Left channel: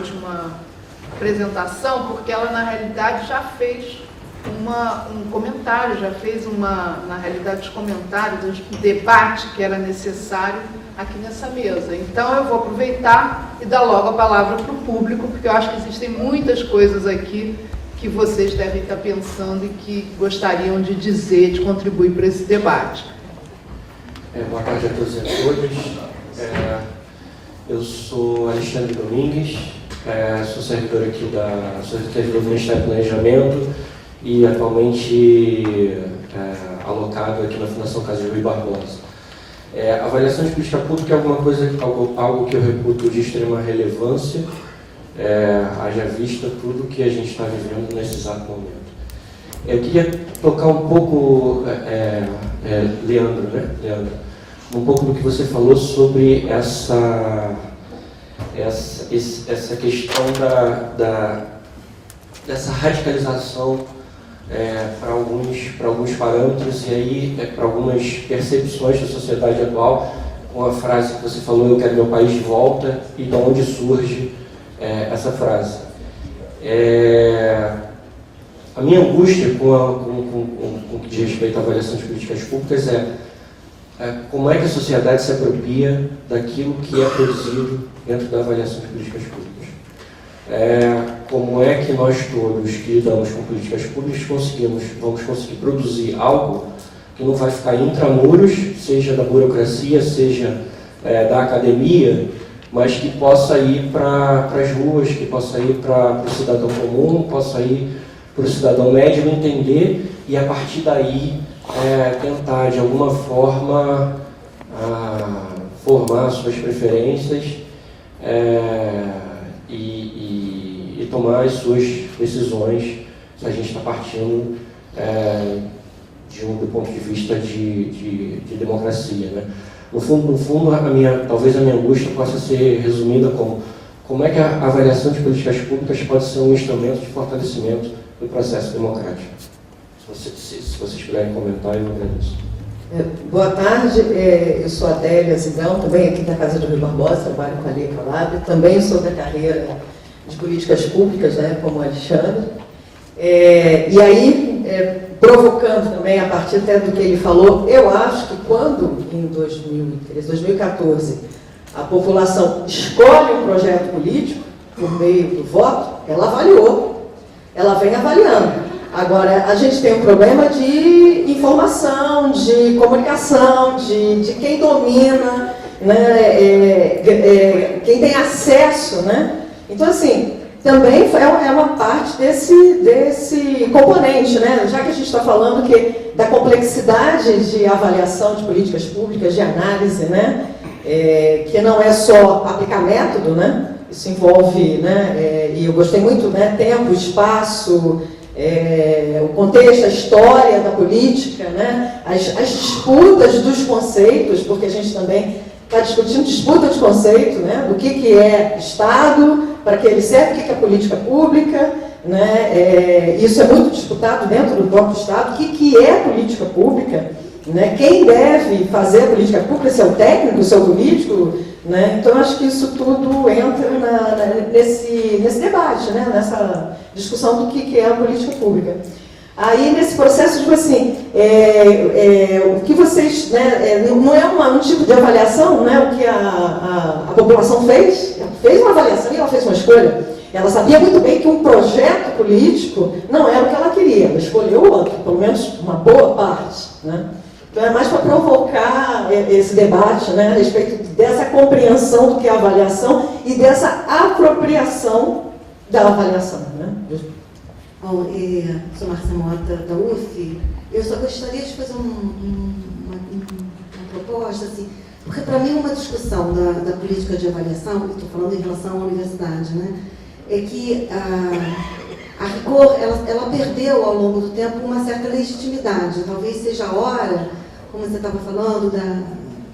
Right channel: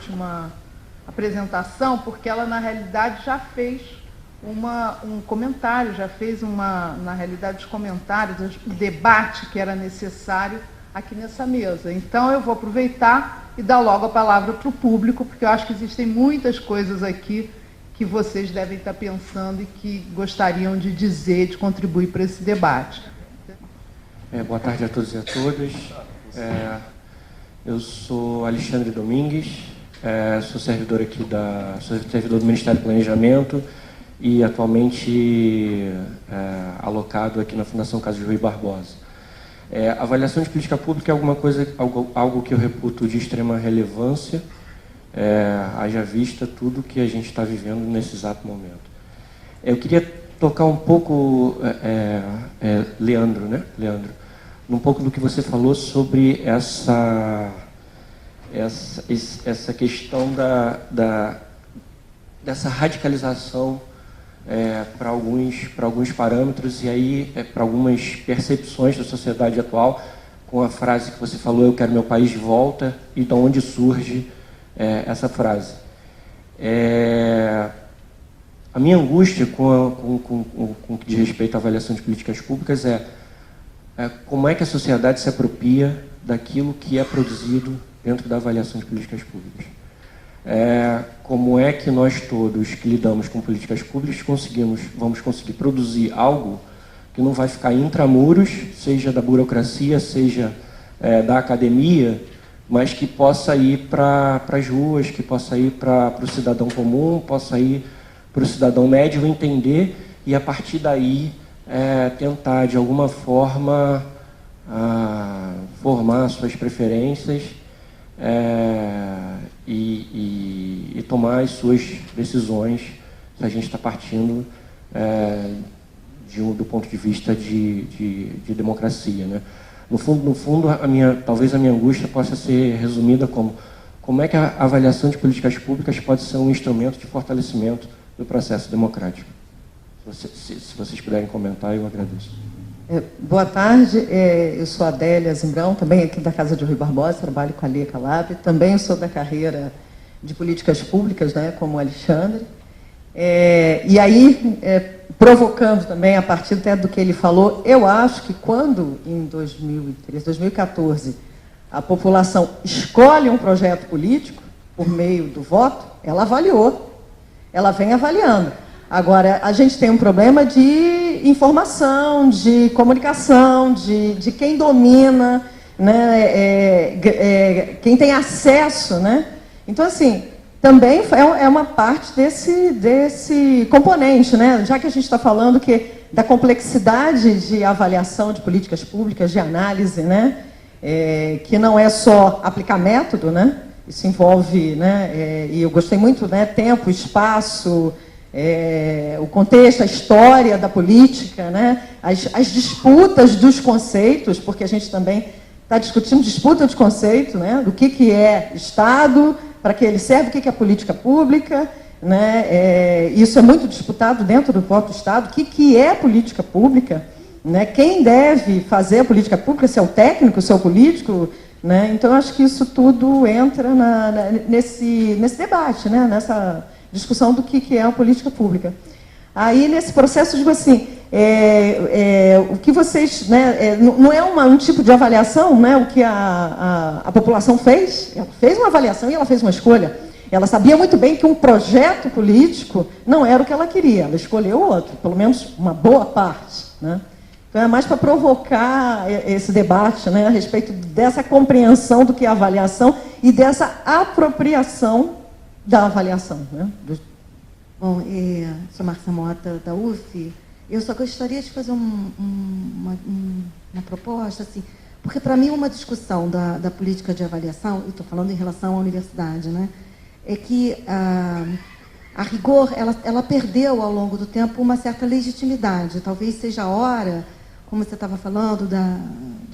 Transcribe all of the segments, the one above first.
última apresentação, porque ela, na realidade, já fez um comentário, já fez na realidade, os comentários, o debate que era necessário aqui nessa mesa. Então, eu vou aproveitar e dar logo a palavra para o público, porque eu acho que existem muitas coisas aqui que vocês devem estar pensando e que gostariam de dizer, de contribuir para esse debate. Boa tarde a todos e a todas. Eu sou Alexandre Domingues, sou servidor aqui sou servidor do Ministério do Planejamento e atualmente alocado aqui na Fundação Casa de Rui Barbosa. Avaliação de política pública é algo que eu reputo de extrema relevância, haja vista tudo que a gente está vivendo nesse exato momento. Eu queria tocar um pouco, Leandro, um pouco do que você falou sobre essa questão dessa radicalização para alguns parâmetros e aí para algumas percepções da sociedade atual, com a frase que você falou, eu quero meu país de volta, e de onde surge essa frase. A minha angústia com o que diz respeito à avaliação de políticas públicas como é que a sociedade se apropria daquilo que é produzido dentro da avaliação de políticas públicas. Como é que nós todos que lidamos com políticas públicas vamos conseguir produzir algo que não vai ficar intramuros, seja da burocracia, seja da academia, mas que possa ir para as ruas, que possa ir para o cidadão comum, possa ir para o cidadão médio entender e, a partir daí, tentar, de alguma forma, formar suas preferências e tomar as suas decisões, se a gente está partindo do ponto de vista de democracia, né? No fundo, talvez a minha angústia possa ser resumida como é que a avaliação de políticas públicas pode ser um instrumento de fortalecimento do processo democrático. Se vocês puderem comentar, eu agradeço. Boa tarde, eu sou a Adélia Zindão, também aqui da Casa do Rui Barbosa, trabalho com a Lei Calab, também sobre a carreira de políticas públicas, como o Alexandre. E aí, provocando também, a partir até do que ele falou, eu acho que quando, em 2014, a população escolhe um projeto político, por meio do voto, ela avaliou, ela vem avaliando. Agora, a gente tem um problema de informação, de comunicação, de quem domina, né, quem tem acesso, né? Então, assim, também é uma parte desse componente, né? Já que a gente está falando da complexidade de avaliação de políticas públicas, de análise, né? Que não é só aplicar método, né? Isso envolve, né? E eu gostei muito, né? Tempo, espaço, o contexto, a história da política, né? As disputas dos conceitos, porque a gente também está discutindo disputa de conceito, né? Do que é Estado, para que ele serve, o que é política pública, né? Isso é muito disputado dentro do próprio Estado. O que é política pública? Né? Quem deve fazer a política pública? Se é o técnico, se é o político? Né? Então, acho que isso tudo entra nesse debate, né? Nessa discussão do que é a política pública. Aí, nesse processo, tipo assim, o que vocês, né, não é um tipo de avaliação, né, o que a população fez? Ela fez uma avaliação e ela fez uma escolha. Ela sabia muito bem que um projeto político não era o que ela queria, ela escolheu outro, pelo menos uma boa parte, né? Então, é mais para provocar esse debate, né, a respeito dessa compreensão do que é a avaliação e dessa apropriação da avaliação, né? Bom, sou Marcia Mota, da UF. Eu só gostaria de fazer uma proposta, assim, porque para mim uma discussão da política de avaliação, estou falando em relação à universidade, né, é que a rigor, ela perdeu ao longo do tempo uma certa legitimidade. Talvez seja a hora, como você estava falando,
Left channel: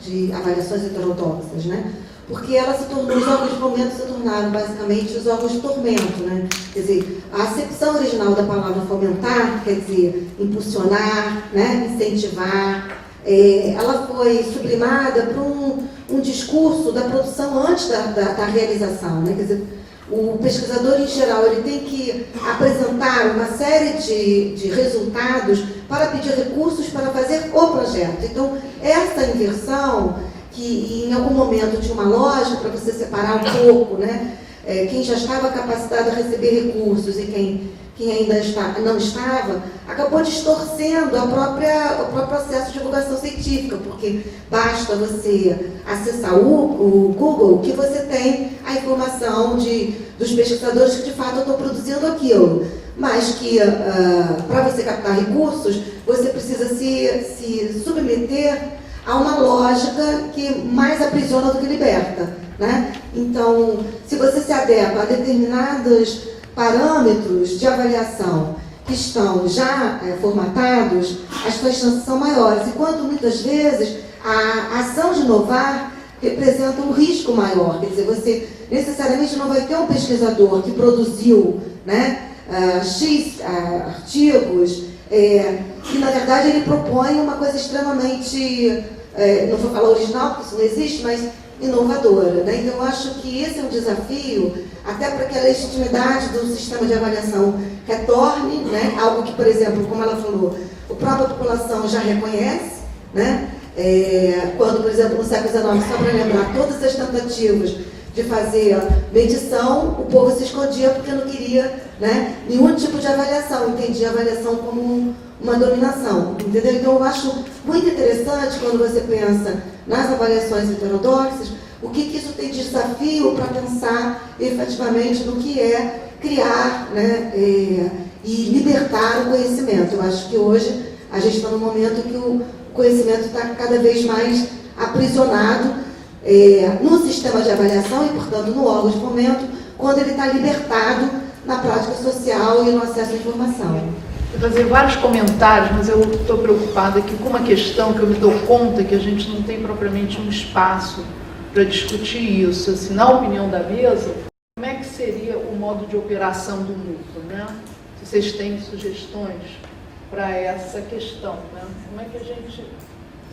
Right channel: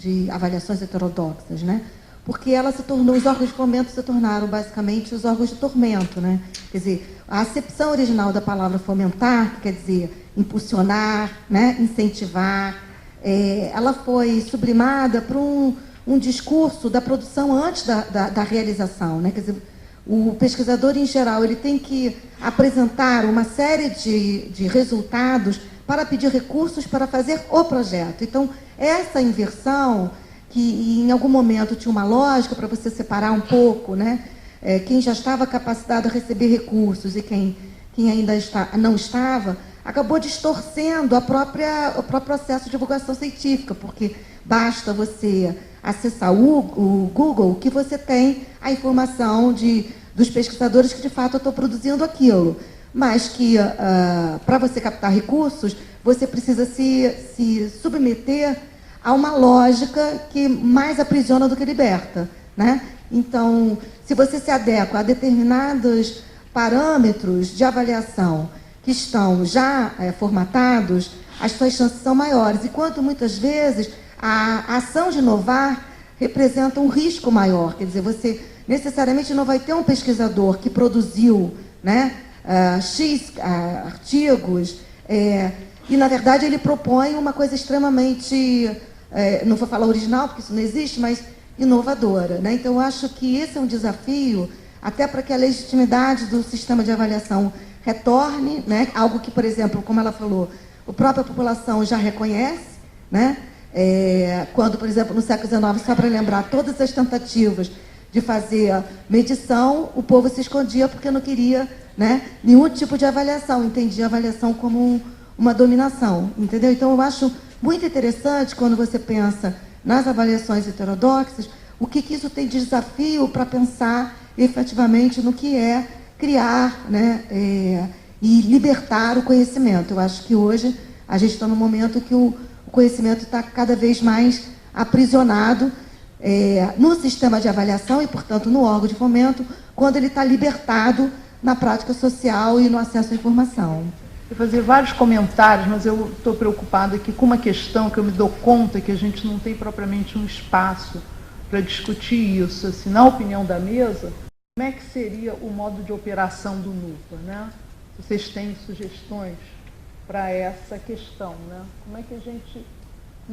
de avaliações heterodoxas, né? Porque ela se tornou, os órgãos de fomento se tornaram basicamente os órgãos de tormento, né? Quer dizer, a acepção original da palavra fomentar, quer dizer, impulsionar, né? Incentivar, ela foi sublimada para um discurso da produção antes da realização, né? Quer dizer, O pesquisador, em geral, ele tem que apresentar uma série de resultados para pedir recursos para fazer o projeto. Então, essa inversão, que em algum momento tinha uma lógica para você separar um pouco, né? Quem já estava capacitado a receber recursos e quem ainda não estava, acabou distorcendo o próprio processo de divulgação científica, porque basta você acessar o Google que você tem a informação dos pesquisadores que de fato estão produzindo aquilo, mas que para você captar recursos, você precisa se submeter a uma lógica que mais aprisiona do que liberta, né? Então, se você se adequa a determinados parâmetros de avaliação que estão já formatados, as suas chances são maiores. Enquanto muitas vezes a ação de inovar representa um risco maior. Quer dizer, você necessariamente não vai ter um pesquisador que produziu, né, X artigos, que na verdade ele propõe uma coisa extremamente, não vou falar original, porque isso não existe, mas inovadora, né? Então eu acho que esse é um desafio, até para que a legitimidade do sistema de avaliação retorne, né? Algo que, por exemplo, como ela falou, a própria população já reconhece, né? Quando, por exemplo, no século XIX, só para lembrar, todas as tentativas de fazer medição, o povo se escondia porque não queria, né, nenhum tipo de avaliação, entendia a avaliação como uma dominação, entendeu? Então eu acho muito interessante quando você pensa nas avaliações heterodoxas, o que isso tem de desafio para pensar efetivamente no que é criar, né, e libertar o conhecimento. Eu acho que hoje a gente está num momento que o conhecimento está cada vez mais aprisionado no sistema de avaliação e, portanto, no órgão de fomento, quando ele está libertado na prática social e no acesso à informação. Vou fazer vários comentários, mas eu estou preocupada aqui com uma questão que eu me dou conta que a gente não tem propriamente um espaço para discutir isso. Assim, na opinião da mesa, como é que seria o modo de operação do núcleo, né? Vocês têm sugestões para essa questão, né? Como é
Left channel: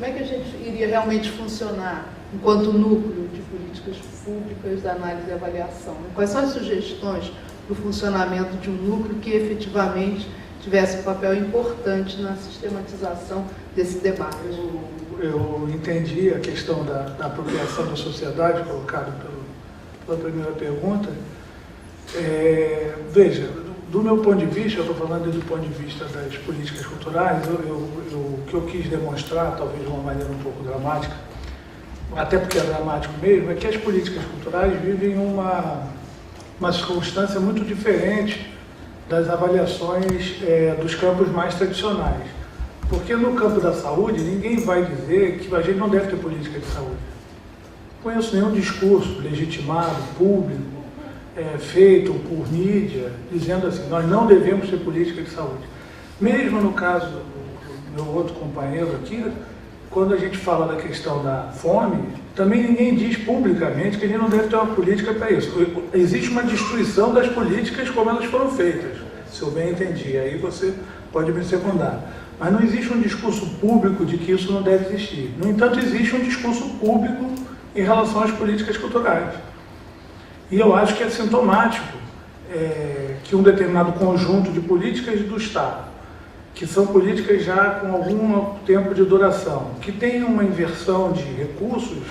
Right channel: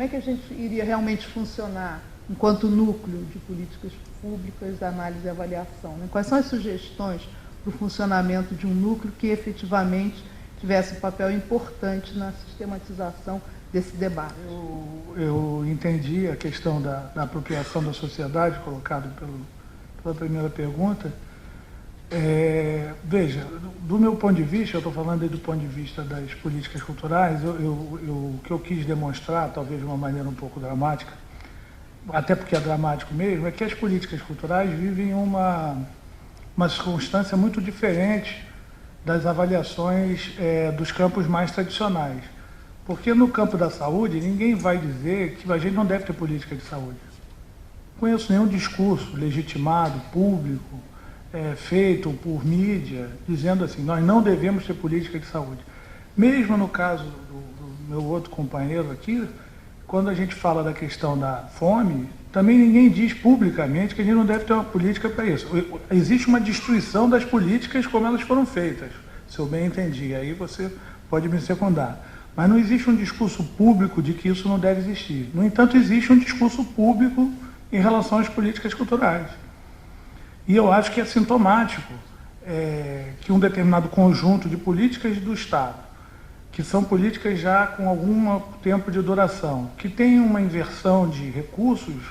que a gente iria realmente funcionar enquanto núcleo de políticas públicas de análise e avaliação? Quais são as sugestões para o funcionamento de um núcleo que efetivamente tivesse um papel importante na sistematização desse debate? Eu entendi a questão da apropriação da sociedade colocada pela primeira pergunta. Veja, do meu ponto de vista, eu estou falando do ponto de vista das políticas culturais, o que eu quis demonstrar, talvez de uma maneira um pouco dramática, até porque é dramático mesmo, é que as políticas culturais vivem uma circunstância muito diferente das avaliações dos campos mais tradicionais. Porque no campo da saúde, ninguém vai dizer que a gente não deve ter política de saúde. Não conheço nenhum discurso legitimado, público, feito por mídia, dizendo assim, nós não devemos ter política de saúde. Mesmo no caso do meu outro companheiro aqui, quando a gente fala da questão da fome, também ninguém diz publicamente que a gente não deve ter uma política para isso. Existe uma destruição das políticas como elas foram feitas, se eu bem entendi. Aí você pode me secundar. Mas não existe um discurso público de que isso não deve existir. No entanto, existe um discurso público em relação às políticas culturais. E eu acho que é sintomático que um determinado conjunto de políticas do Estado, que são políticas já com algum tempo de duração, que tem uma inversão de recursos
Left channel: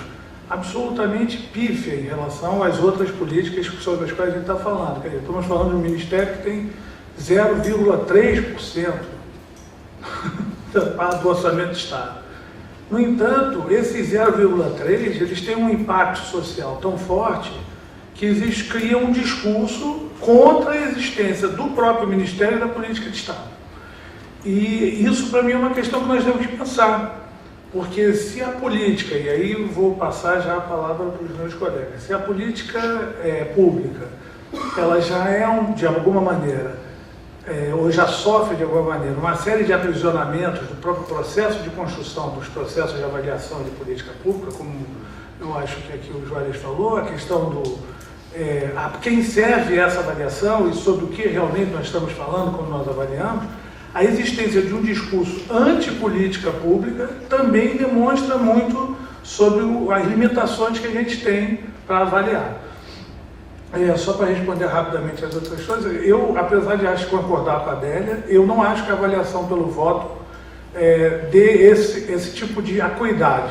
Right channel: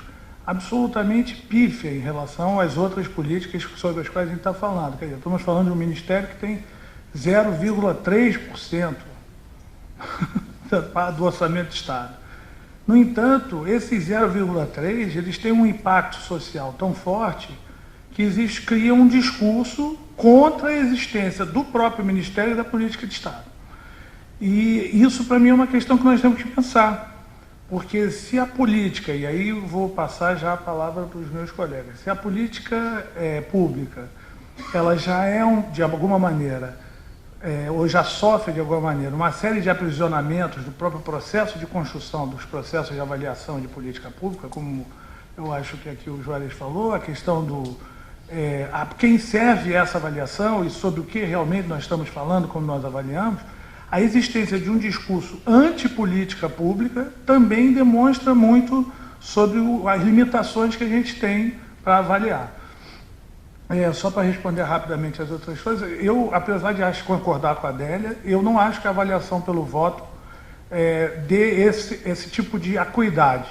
absolutamente pífia em relação às outras políticas sobre as quais a gente está falando. Quer dizer, estamos falando de um ministério que tem 0,3% do orçamento do Estado. No entanto, esses 0,3%, eles têm um impacto social tão forte que cria um discurso contra a existência do próprio Ministério da política de Estado. E isso, para mim, é uma questão que nós temos que pensar. Porque se a política, e aí eu vou passar já a palavra para os meus colegas, se a política pública, ela já é, de alguma maneira, ou já sofre de alguma maneira, uma série de aprisionamentos do próprio processo de construção dos processos de avaliação de política pública, como eu acho que aqui o Juarez falou, a questão a quem serve essa avaliação e sobre o que realmente nós estamos falando quando nós avaliamos, a existência de um discurso antipolítica pública também demonstra muito sobre as limitações que a gente tem para avaliar. Só para responder rapidamente as outras coisas, eu, apesar de acho concordar com a Adélia, eu não acho que a avaliação pelo voto dê esse tipo de acuidade.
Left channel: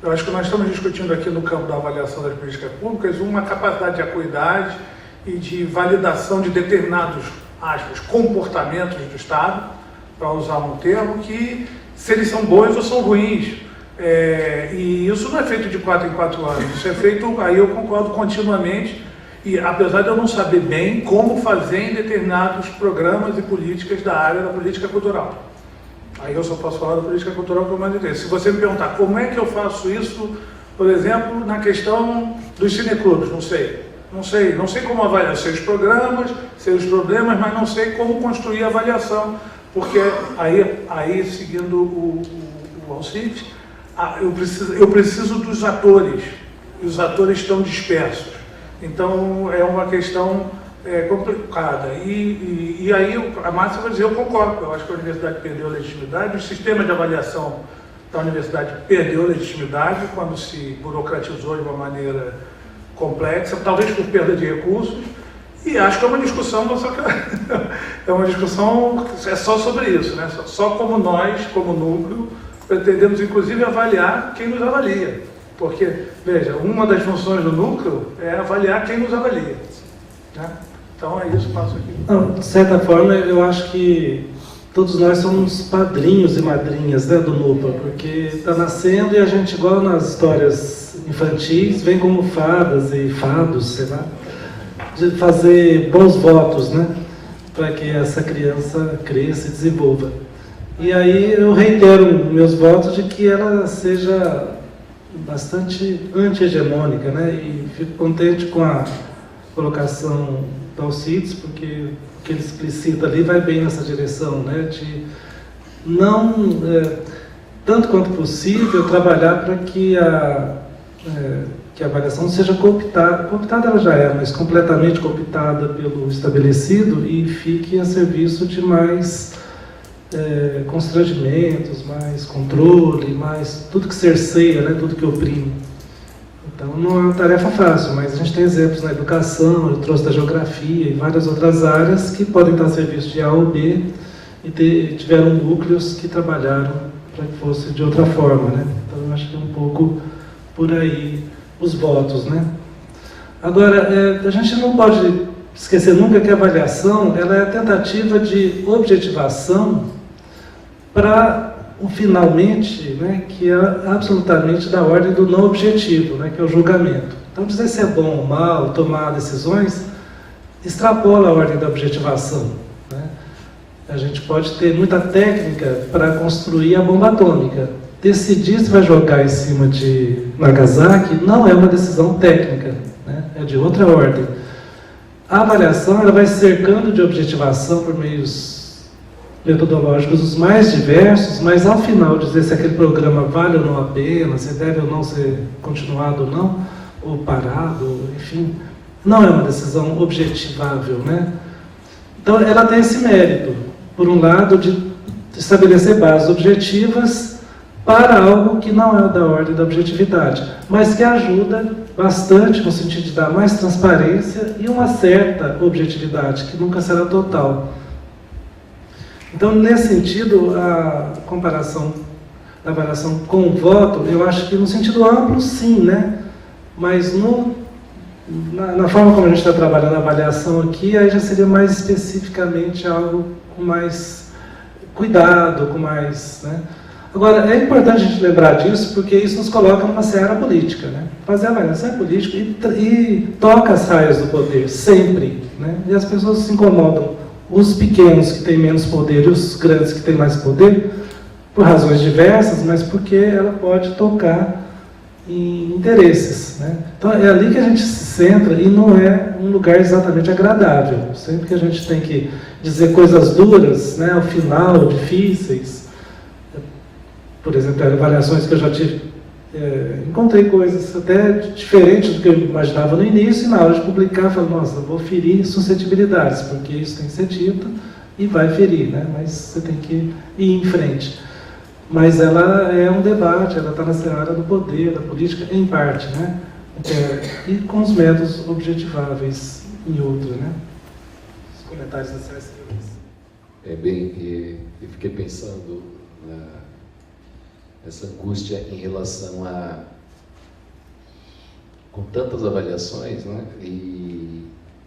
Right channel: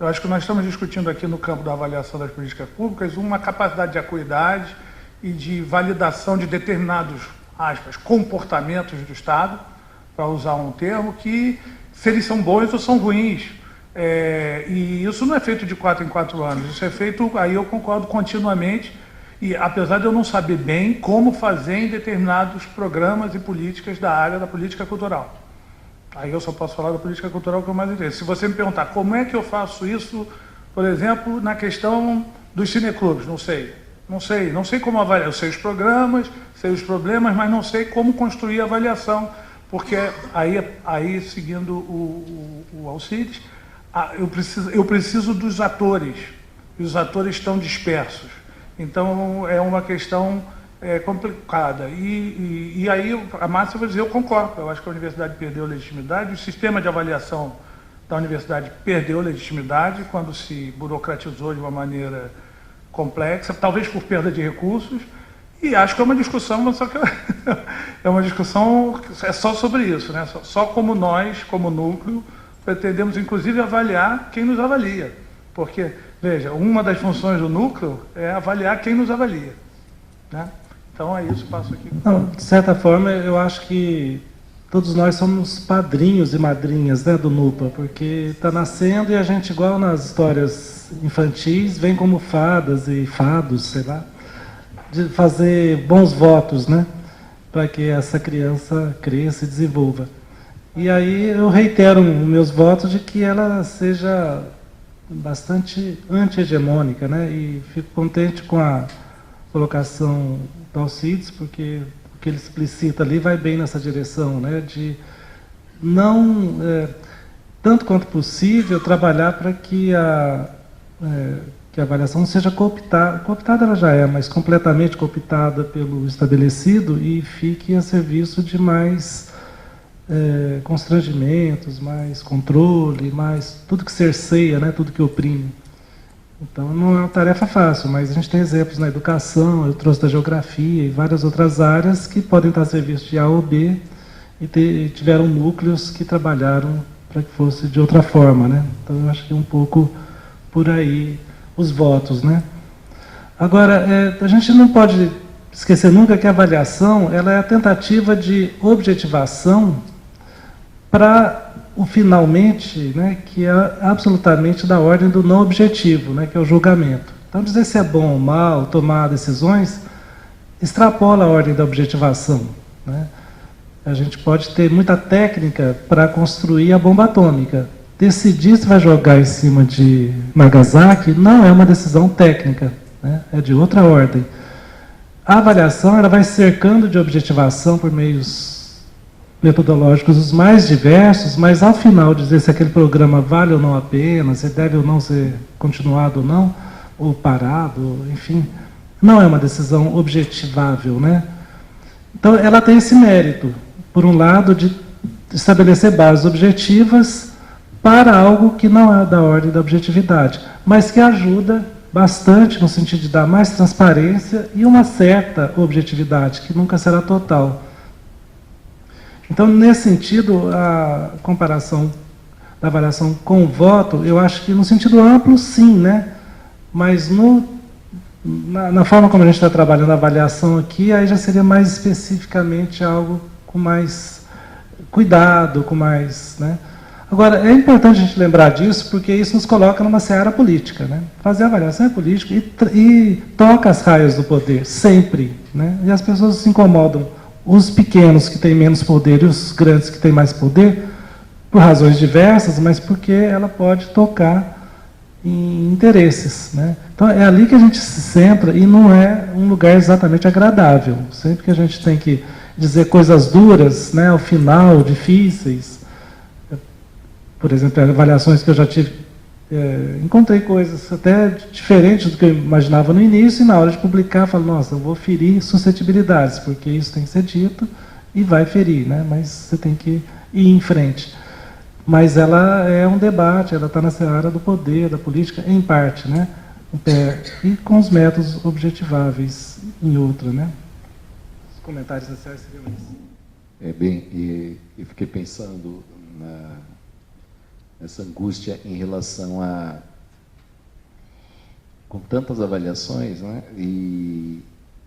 Eu acho que nós estamos discutindo aqui no campo da avaliação das políticas públicas uma capacidade de acuidade e de validação de determinados, aspas, comportamentos do Estado, para usar um termo, que se eles são bons ou são ruins. E isso não é feito de 4 em 4 anos, isso é feito, aí eu concordo continuamente, e apesar de eu não saber bem como fazer em determinados programas e políticas da área da política cultural. Aí eu só posso falar da política cultural para mais interesse. Se você me perguntar como é que eu faço isso, por exemplo, na questão dos cineclubes, não sei como avaliar, eu sei os programas, sei os problemas, mas não sei como construir a avaliação, porque aí seguindo o Alcides, eu preciso dos atores, e os atores estão dispersos. Então é uma questão complicada. E aí a Márcia vai dizer, eu concordo, eu acho que a universidade perdeu a legitimidade, o sistema de avaliação da universidade perdeu a legitimidade quando se burocratizou de uma maneira complexa, talvez por perda de recursos, e acho que é uma discussão, mas é uma discussão só sobre isso, né? Só como nós, como núcleo, pretendemos inclusive avaliar quem nos avalia. Porque, veja, uma das funções do núcleo é avaliar quem nos avalia. Né? Então é isso, passo aqui. Não, de certa forma, eu acho que todos nós somos padrinhos e madrinhas, né, do núcleo, porque está nascendo e a gente, igual nas histórias infantis, vem como fadas e fados, sei lá, de fazer bons votos, né, para que essa criança cresça e desenvolva. E aí eu reitero meus votos de que ela seja bastante anti-hegemônica, né? E fico contente com a colocação do Alcides, porque o que ele explicita ali vai bem nessa direção, né? De não, tanto quanto possível, trabalhar para que a avaliação seja cooptada. Cooptada ela já é, mas completamente cooptada pelo estabelecido e fique a serviço de mais constrangimentos, mais controle, mais tudo que cerceia, né, tudo que oprime. Então não é uma tarefa fácil, mas a gente tem exemplos na educação, eu trouxe da geografia e várias outras áreas que podem estar a serviço de A ou B e tiveram núcleos que trabalharam para que fosse de outra forma, né? Então eu acho que é um pouco por aí os votos, né? Agora, a gente não pode esquecer nunca que a avaliação ela é a tentativa de objetivação para o finalmente, né, que é absolutamente da ordem do não objetivo, né, que é o julgamento. Então, dizer se é bom ou mal, tomar decisões, extrapola a ordem da objetivação. Né? A gente pode ter muita técnica para construir a bomba atômica. Decidir se vai jogar em cima de Nagasaki não é uma decisão técnica, né? É de outra ordem. A avaliação ela vai cercando de objetivação por meios metodológicos os mais diversos, mas ao final dizer se aquele programa vale ou não a pena, se deve ou não ser continuado ou não, ou parado, enfim, não é uma decisão objetivável, né? Então ela tem esse mérito, por um lado, de estabelecer bases objetivas para algo que não é da ordem da objetividade, mas que ajuda bastante no sentido de dar mais transparência e uma certa objetividade, que nunca será total. Então, nesse sentido, a comparação da avaliação com o voto, eu acho que no sentido amplo, sim, né? Mas na forma como a gente está trabalhando a avaliação aqui, aí já seria mais especificamente algo com mais cuidado, com mais, né? Agora, é importante a gente lembrar disso, porque isso nos coloca numa seara política, né? Fazer a avaliação é política e toca as raias do poder, sempre, né? E as pessoas se incomodam, os pequenos que têm menos poder e os grandes que têm mais poder, por razões diversas, mas porque ela pode tocar em interesses, né? Então é ali que a gente se centra e não é um lugar exatamente agradável. Sempre que a gente tem que dizer coisas duras, né, ao final, difíceis, por exemplo, avaliações que eu já tive, encontrei coisas até diferentes do que eu imaginava no início, e na hora de publicar, eu falo, nossa, eu vou ferir suscetibilidades, porque isso tem que ser dito e vai ferir, né? Mas você tem que ir em frente. Mas ela é um debate, ela está na seara do poder, da política, em parte, né? E com os métodos objetiváveis em outro, né? Os comentários da Célia. Eu fiquei pensando nessa angústia em relação a, com tantas avaliações, né? E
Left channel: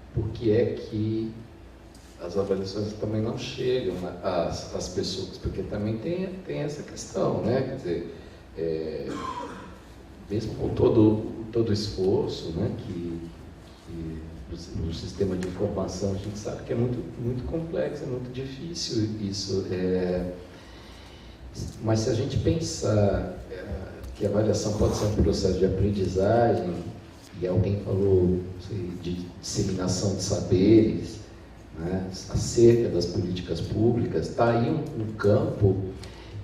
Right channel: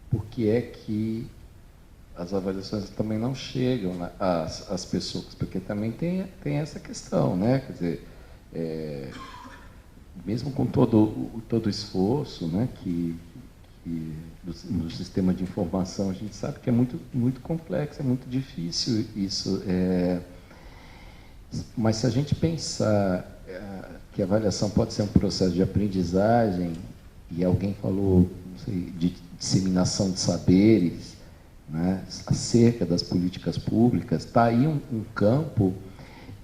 por que é que as avaliações também não chegam às pessoas? Porque também tem essa questão, né? Quer dizer, mesmo com todo o esforço, né, que no sistema de informação a gente sabe que é muito complexo, é muito difícil isso. Mas se a gente pensar que a avaliação pode ser um processo de aprendizagem, e alguém falou de disseminação de saberes, né, acerca das políticas públicas, está aí um campo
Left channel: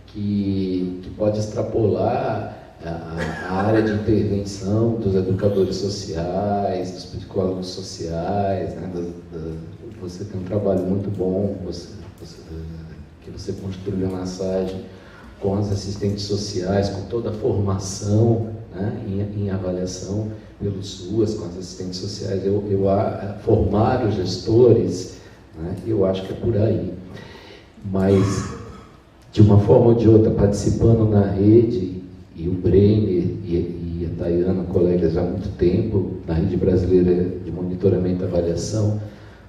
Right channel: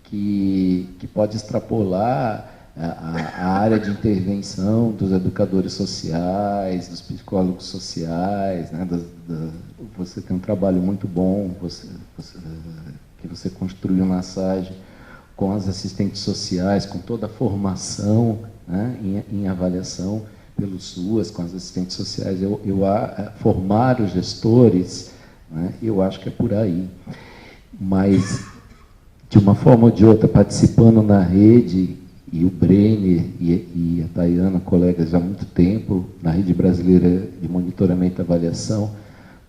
que pode extrapolar a área de intervenção dos educadores sociais, dos psicólogos sociais, né, você tem um trabalho muito bom, que você construiu uma massagem com as assistentes sociais, com toda a formação, né, em avaliação pelos SUAS, com as assistentes sociais, formar os gestores, né, eu acho que é por aí. Mas, de uma forma ou de outra, participando na rede, e o Brenner e a Dayana, colegas há muito tempo, na Rede Brasileira de Monitoramento e Avaliação,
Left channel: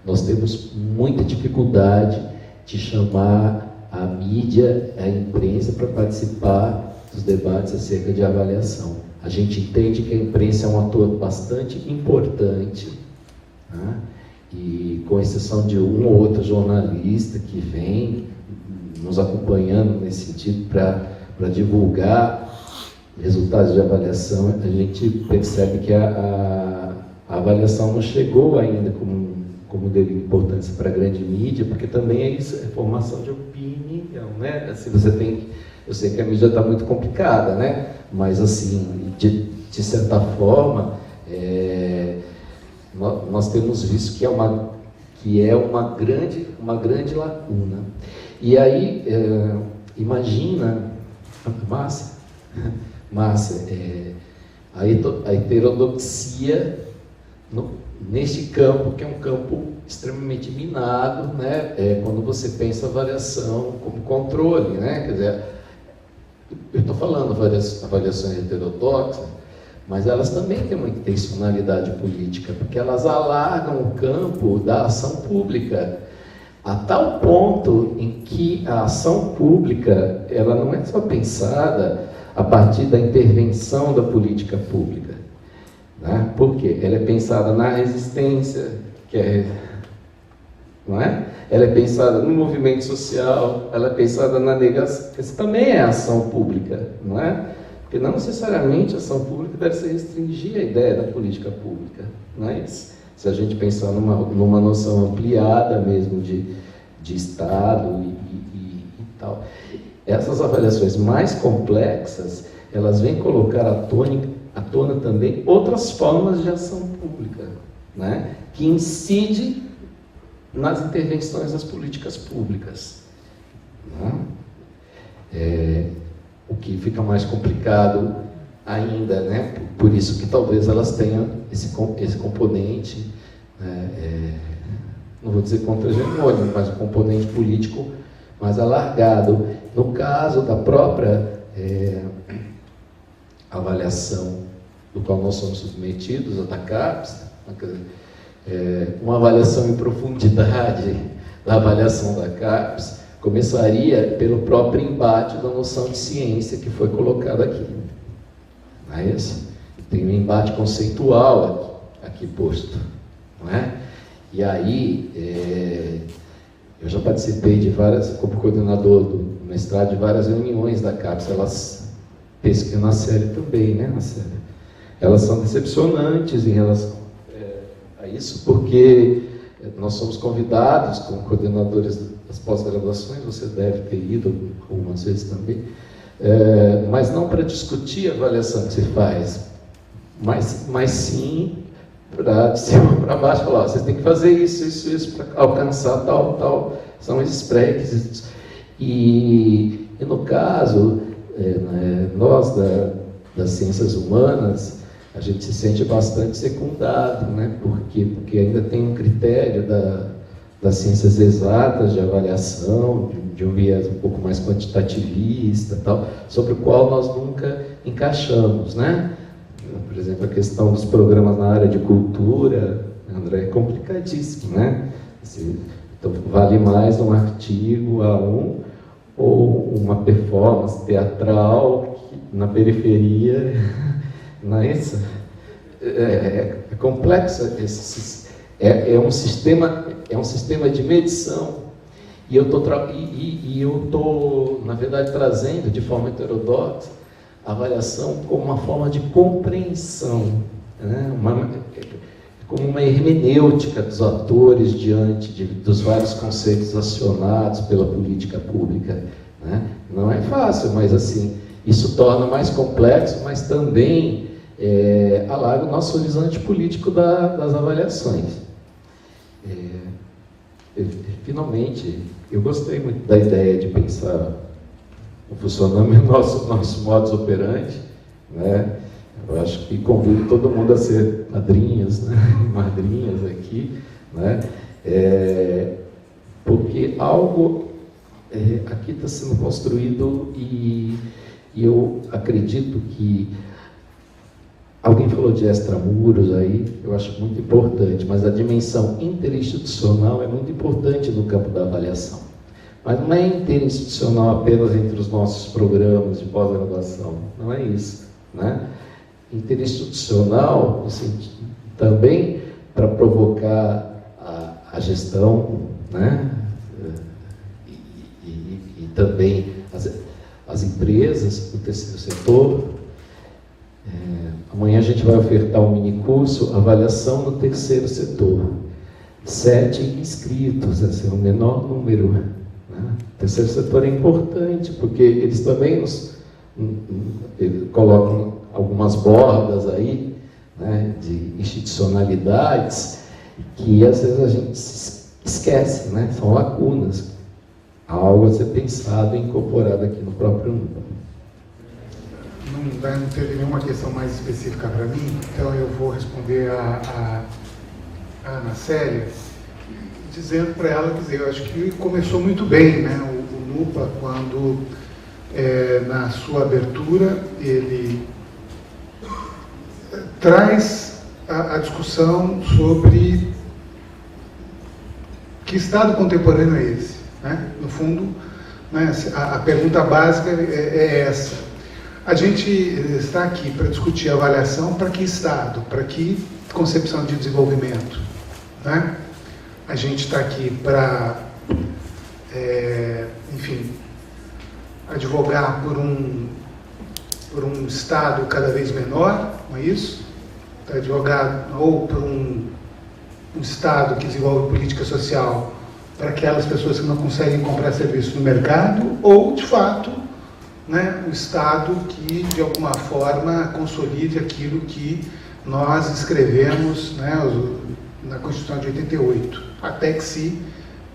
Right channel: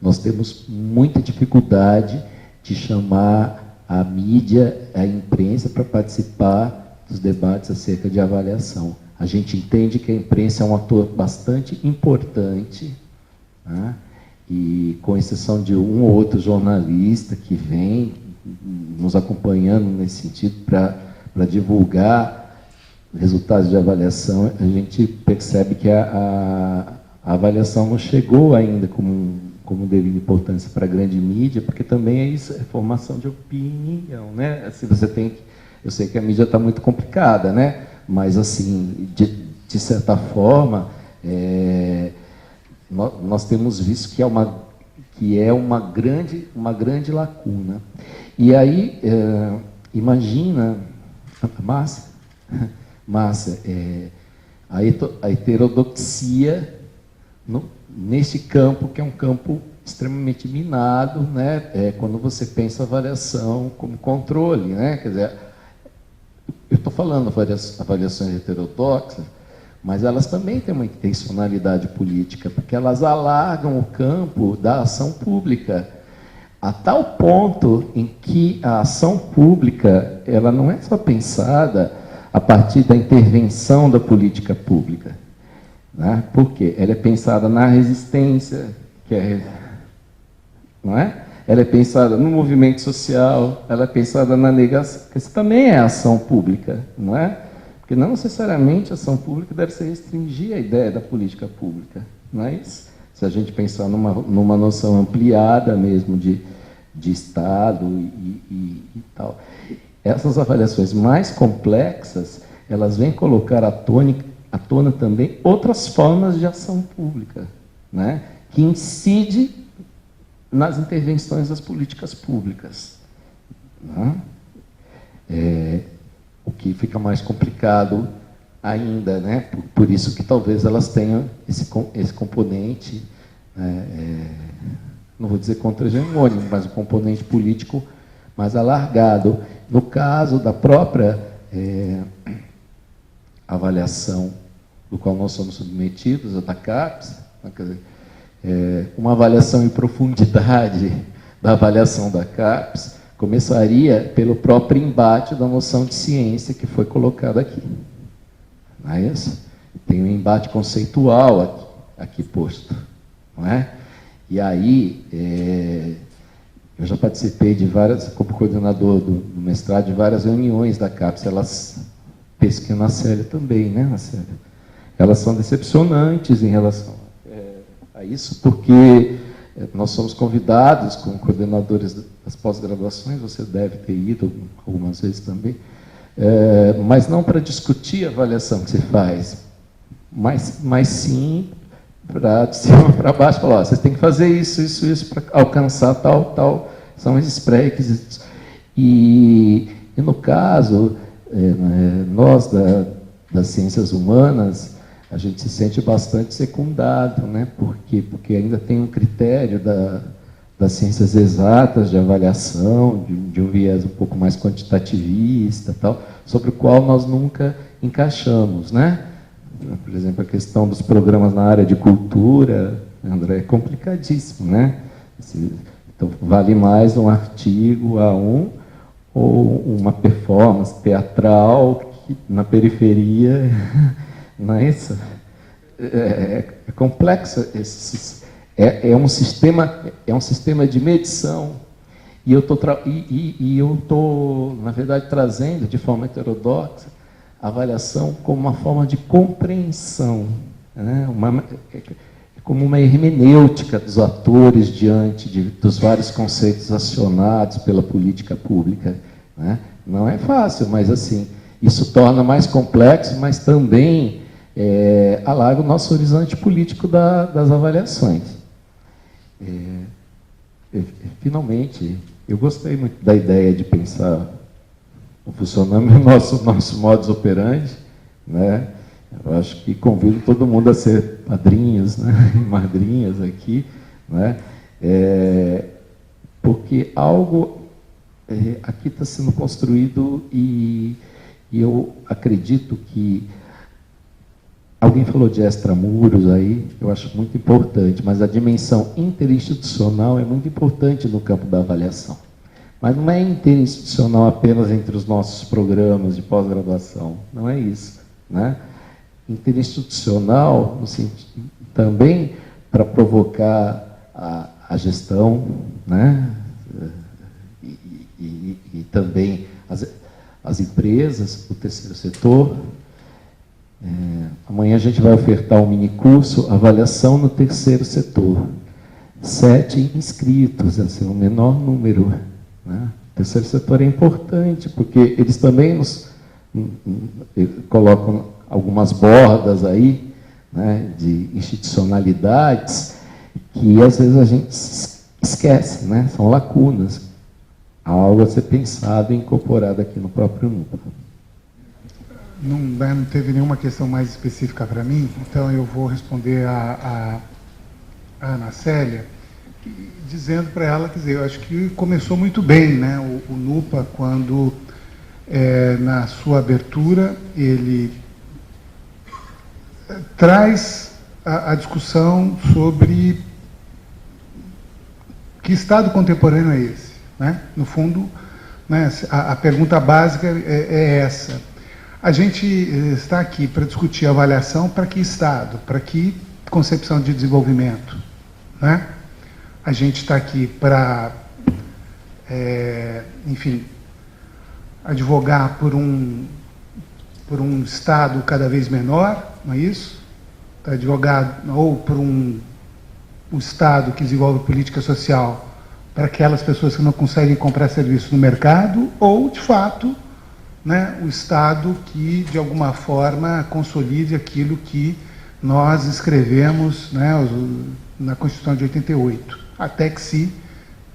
nós temos muita dificuldade de chamar a mídia, a imprensa, para participar dos debates acerca de avaliação. A gente entende que a imprensa é um ator bastante importante, né? E com exceção de um ou outro jornalista que vem nos acompanhando nesse sentido para divulgar resultados de avaliação, a gente percebe que a avaliação não chegou ainda como devido importância para a grande mídia, porque também é formação de opinião, né? Assim, eu sei que a mídia está muito complicada, né? Mas, assim, de certa forma, nós temos visto que é uma grande lacuna. E aí, imagina, Márcia, a heterodoxia neste campo, que é um campo extremamente minado, né? Quando você pensa avaliação como controle, né? Quer dizer, eu estou falando avaliações heterodoxas, mas elas também têm uma intencionalidade política, porque elas alargam o campo da ação pública, a tal ponto em que a ação pública ela não é só pensada a partir da intervenção da política pública, né? Porque ela é pensada na resistência, não é? Ela é pensada no movimento social, ela é pensada na negação, que isso também é ação pública, não é? Porque não necessariamente a ação pública deve se restringir à ideia da política pública, mas se a gente pensar numa noção ampliada mesmo de Estado e tal. Essas avaliações mais complexas, elas vêm colocar à tona também outras formas de ação pública, né, que incide nas intervenções das políticas públicas, né? O que fica mais complicado ainda, né? Por isso que talvez elas tenham esse componente, não vou dizer contra-hegemônico, mas um componente político mais alargado. No caso da própria avaliação do qual nós somos submetidos, a da CAPES, quer dizer, uma avaliação em profundidade da avaliação da CAPES começaria pelo próprio embate da noção de ciência que foi colocada aqui. Não é isso? Tem um embate conceitual aqui posto, não é? E aí, eu já participei de várias, como coordenador do mestrado, de várias reuniões da CAPES, elas pesquisam na série também, né? Na série. Elas são decepcionantes em relação a isso, porque nós somos convidados, como coordenadores das pós-graduações, você deve ter ido algumas vezes também, mas não para discutir a avaliação que se faz, mas sim para de cima para baixo, falar, você tem que fazer isso para alcançar tal, são esses pré-requisitos. E no caso, nós das ciências humanas, a gente se sente bastante secundado, né? Por quê? Porque ainda tem um critério das ciências exatas de avaliação, de um viés um pouco mais quantitativista, tal, sobre o qual nós nunca encaixamos, né? Por exemplo, a questão dos programas na área de cultura, André, é complicadíssimo, né? Então, vale mais um artigo A1 ou uma performance teatral na periferia, não é isso? É complexo, é um sistema de medição, e eu estou, na verdade, trazendo de forma heterodoxa a avaliação como uma forma de compreensão, né? Como uma hermenêutica dos atores diante dos vários conceitos acionados pela política pública, né? Não é fácil, mas assim, isso torna mais complexo, mas também alarga o nosso horizonte político das avaliações. Finalmente, eu gostei muito da ideia de pensar o funcionamento do nosso modus operandi, né? Eu acho que convido todo mundo a ser padrinhos, né? Madrinhas aqui, né? Porque algo aqui está sendo construído e eu acredito que alguém falou de extramuros aí, eu acho muito importante, mas a dimensão interinstitucional é muito importante no campo da avaliação. Mas não é interinstitucional apenas entre os nossos programas de pós-graduação, não é isso, né? Interinstitucional, assim, também para provocar a gestão, né? E também as empresas, o terceiro setor. Amanhã a gente vai ofertar um minicurso, avaliação no terceiro setor. 7 inscritos, assim, o menor número, né? O terceiro setor é importante, porque eles também eles colocam algumas bordas aí, né, de institucionalidades que às vezes a gente esquece, né? São lacunas. Algo a ser pensado e incorporado aqui no próprio NUPA. Não teve nenhuma questão mais específica para mim, então eu vou responder a Ana Célia, dizendo para ela, quer dizer, eu acho que começou muito bem, né? O NUPA, quando na sua abertura ele traz a discussão sobre que Estado contemporâneo é esse, né? No fundo, né, a pergunta básica é essa. A gente está aqui para discutir avaliação para que Estado, para que concepção de desenvolvimento, né? A gente está aqui para, enfim, advogar por um Estado cada vez menor, não é isso? Para advogar ou por um Estado que desenvolve política social para aquelas pessoas que não conseguem comprar serviço no mercado, ou, de fato, né, o Estado que, de alguma forma, consolide aquilo que nós escrevemos, né, na Constituição de 88, até que se,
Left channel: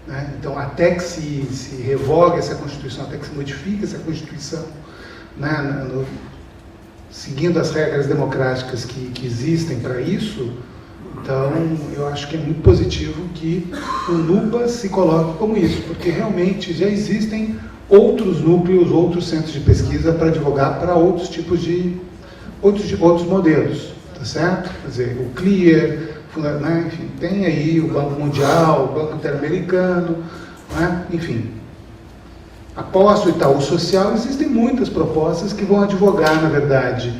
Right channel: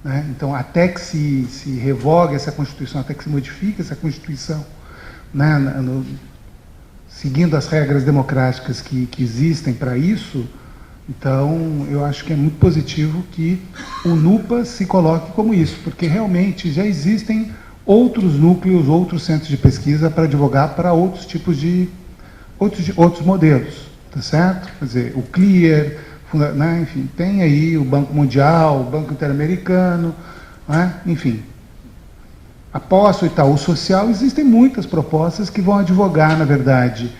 né, então, até que se revogue essa Constituição, até que se modifique essa Constituição, né, seguindo as regras democráticas que existem para isso. Então, eu acho que é muito positivo que o NUPA se coloque como isso, porque realmente já existem outros núcleos, outros centros de pesquisa para advogar para outros tipos de outros modelos, tá certo? Quer dizer, o CLIER, né, enfim, tem aí o Banco Mundial, o Banco Interamericano, né, enfim. Após o Itaú Social, existem muitas propostas que vão advogar, na verdade,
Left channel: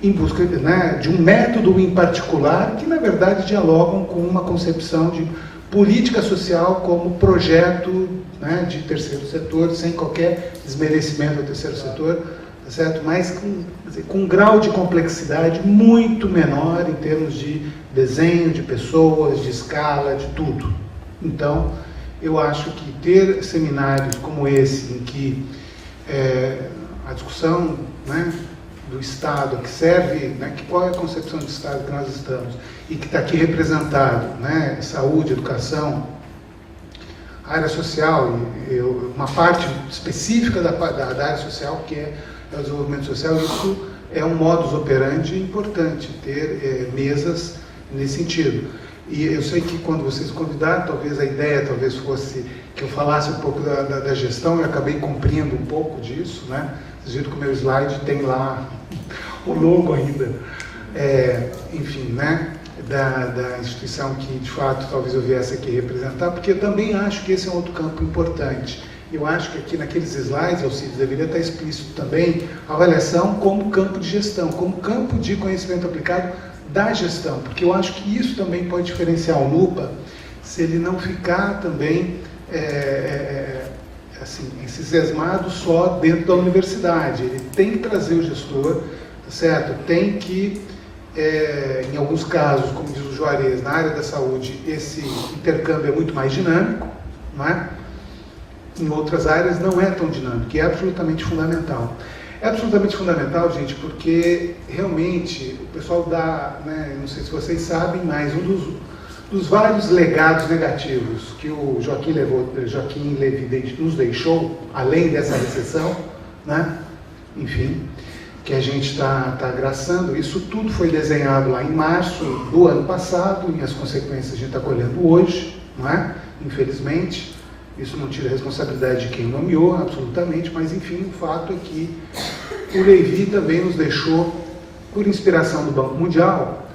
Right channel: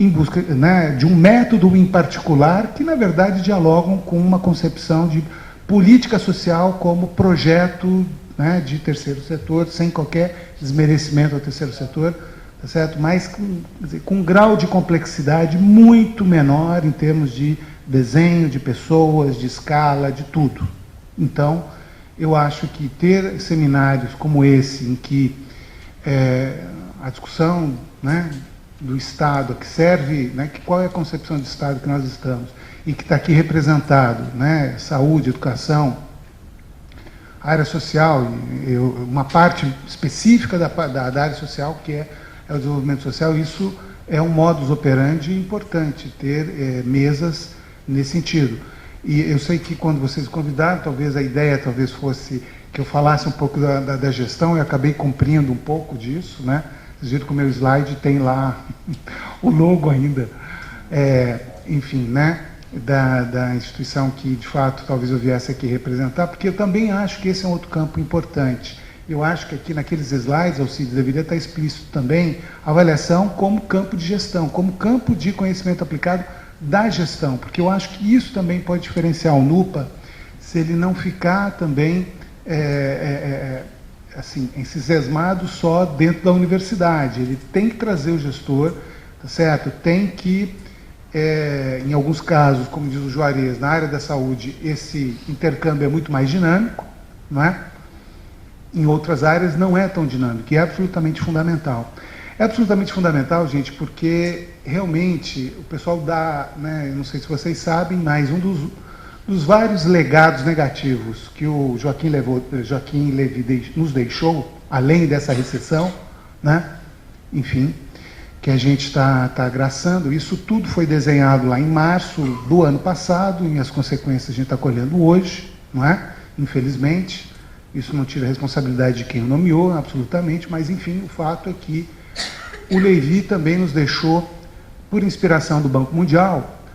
em busca, né, de um método em particular, que, na verdade, dialogam com uma concepção de política social como projeto, né, de terceiro setor, sem qualquer desmerecimento do terceiro setor, tá certo? Mas com um grau de complexidade muito menor em termos de desenho, de pessoas, de escala, de tudo. Então, eu acho que ter seminários como esse, em que a discussão, né, do Estado, que serve, né, qual é a concepção de Estado que nós estamos, e que está aqui representado, né, saúde, educação, área social, uma parte específica da área social, que é o desenvolvimento social, isso é um modus operandi importante, ter mesas nesse sentido. E eu sei que quando vocês convidaram, talvez a ideia fosse que eu falasse um pouco da gestão, eu acabei cumprindo um pouco disso, né? Vocês viram que o meu slide tem lá o logo ainda, enfim, né? Da instituição que, de fato, talvez eu viesse aqui representar, porque eu também acho que esse é um outro campo importante. Eu acho que aqui naqueles slides, Alcides, deveria estar explícito também a avaliação como campo de gestão, como campo de conhecimento aplicado da gestão, porque eu acho que isso também pode diferenciar o NUPA, se ele não ficar também assim, encismado só dentro da universidade. Ele tem que trazer o gestor, certo? Tem que, em alguns casos, como diz o Juarez, na área da saúde, esse intercâmbio é muito mais dinâmico, não é? Em outras áreas não é tão dinâmico, e é absolutamente fundamental. É absolutamente fundamental, gente, porque realmente o pessoal dá, né, não sei se vocês sabem, mas um dos vários legados negativos que o Joaquim Levy nos deixou, além dessa recessão, né, enfim, que a gente está agraçando, isso tudo foi desenhado lá em março do ano passado, e as consequências a gente está colhendo hoje, não é? Infelizmente. Isso não tira a responsabilidade de quem o nomeou, absolutamente, mas, enfim, o fato é que o Levy também nos deixou, por inspiração do Banco Mundial,